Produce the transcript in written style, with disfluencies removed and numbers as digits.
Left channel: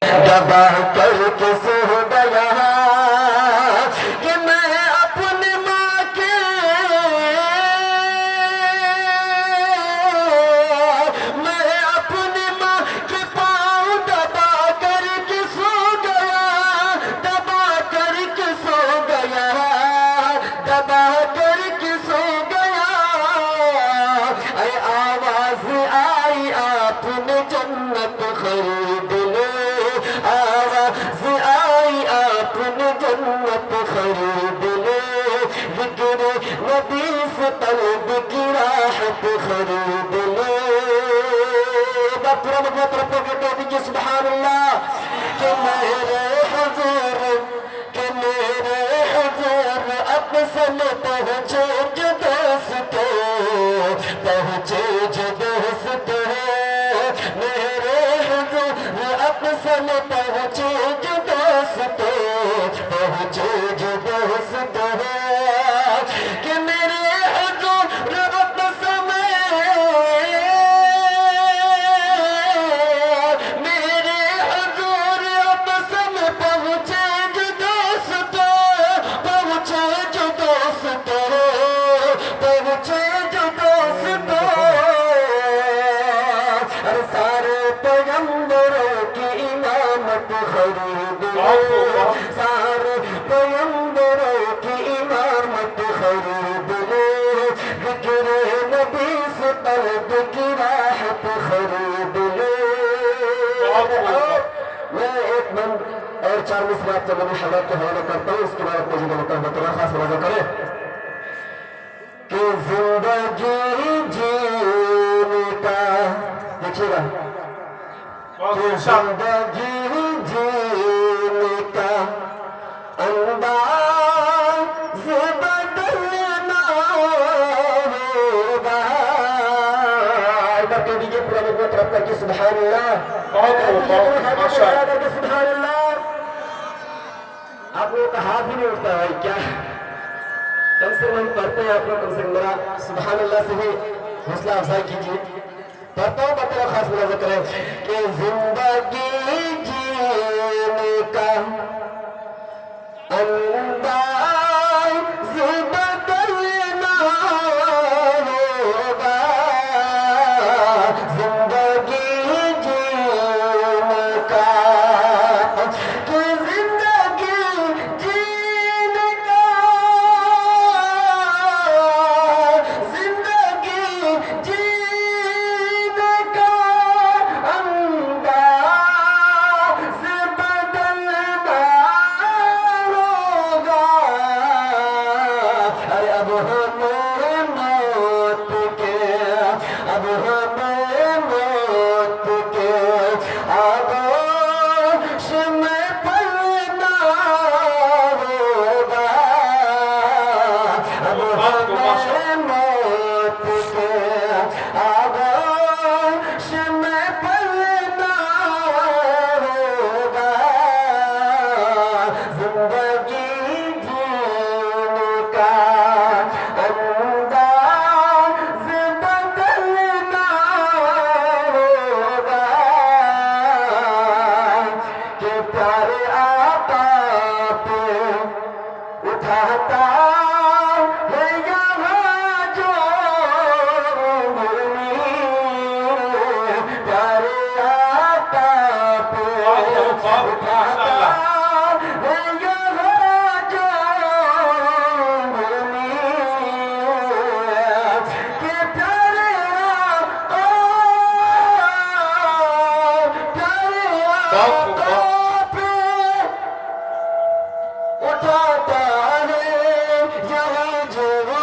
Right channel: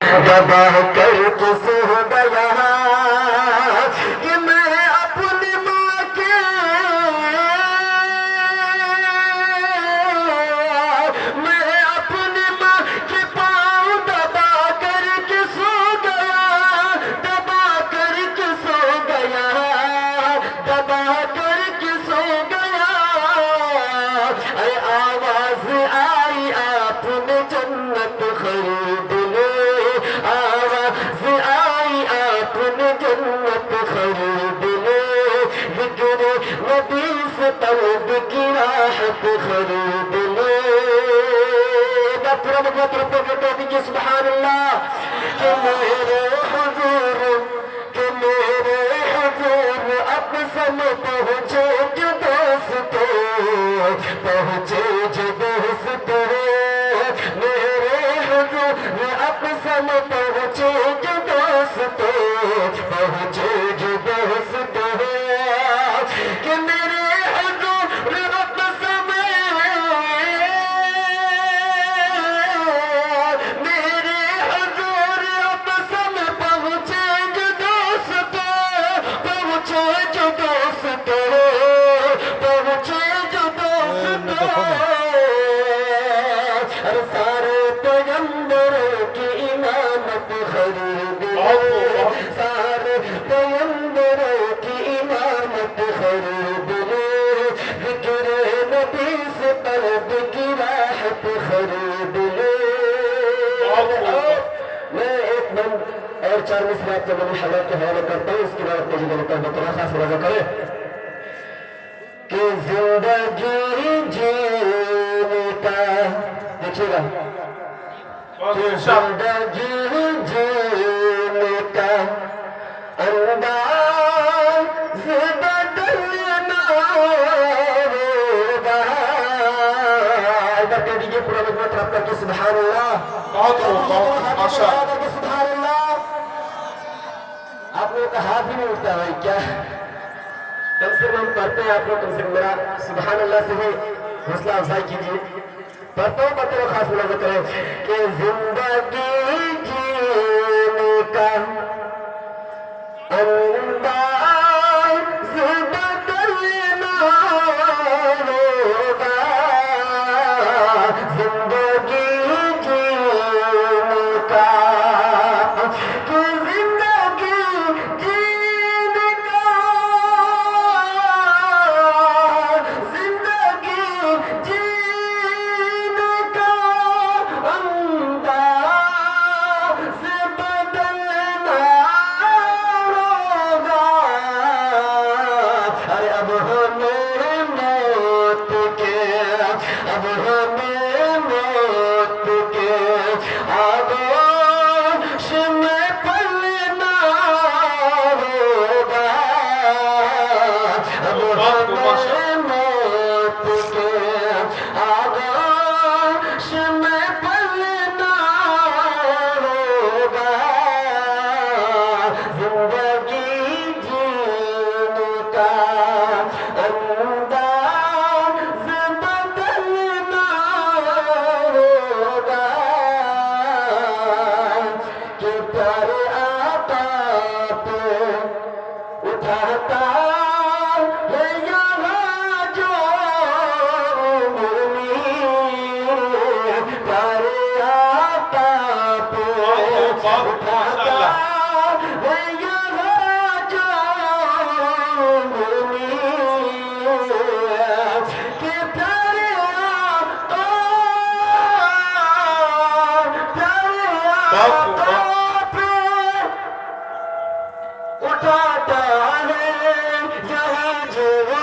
دبا کر کے سو گیا کہ میں اپنی ماں کے پاؤں دبا کر کے سو گیا دبا کر کے سو گیا دبا کر کے سو گیا اے آواز آئی آپ نے جنت خرید لو آواز آئی آپ نے جنت خرید لو ذکر نبی سے قلب کی راحت خرید لو کہہ دیجیے سبحان اللہ کہ میرے حضور اقصل پہنچے جو دوستو پہنچے جو دوستو میرے حضور اقصل پہنچے جو دوستو پہنچے جو دوستو کہ میرے حضور سارے پیغمبروں کی امامت خرید لو سارے پیغمبروں کی امامت خرید لو ذکر نبی سے قلب کی راحت خرید لو میں ایک بند اور 4 مصرات کے بنی حضرت کے حوالے کرتا ہوں اس کے بعد اپنے جنہوں کا بطرہ خاص ملازہ کریں کہ زندگی جینے کا دیکھئے گا کہ زندگی جینے کا انداز بدلنا ہوگا ادھر کہہ دیجئے پورا مجموعہ طرف کر کے سبحان اللہ سبحان اللہ آپ لوگوں کا ہاتھ بھی نہیں اٹھتا ہے کیا کم سے کم پڑھتے ہیں آپ لوگ کم سے کم میرا سبحان اللہ سے بھی حوصلہ افزائی کیجیے پڑھتا ہوں پڑھتے ہوئے خاص ملاحظہ کریں کہ زندگی جینے کا انداز بدلنا ہوگا زندگی جینے کا کہ زندگی جینے کا زندگی جینے کا انداز بدلنا ہوگا ارے اب ہمیں موت کے اب ہمیں موت کے آغوش میں پڑنا ہوگا اب ہمیں موت کے آغوش میں پڑنا ہوگا زندگی جینے کا انداز بدلنا ہوگا کہ پیارے آقا پہ اٹھاتا ہے یہاں جو انگلی پیارے آقا پہ اٹھاتا ہے یہاں جو انگلی کہ پیارے آقا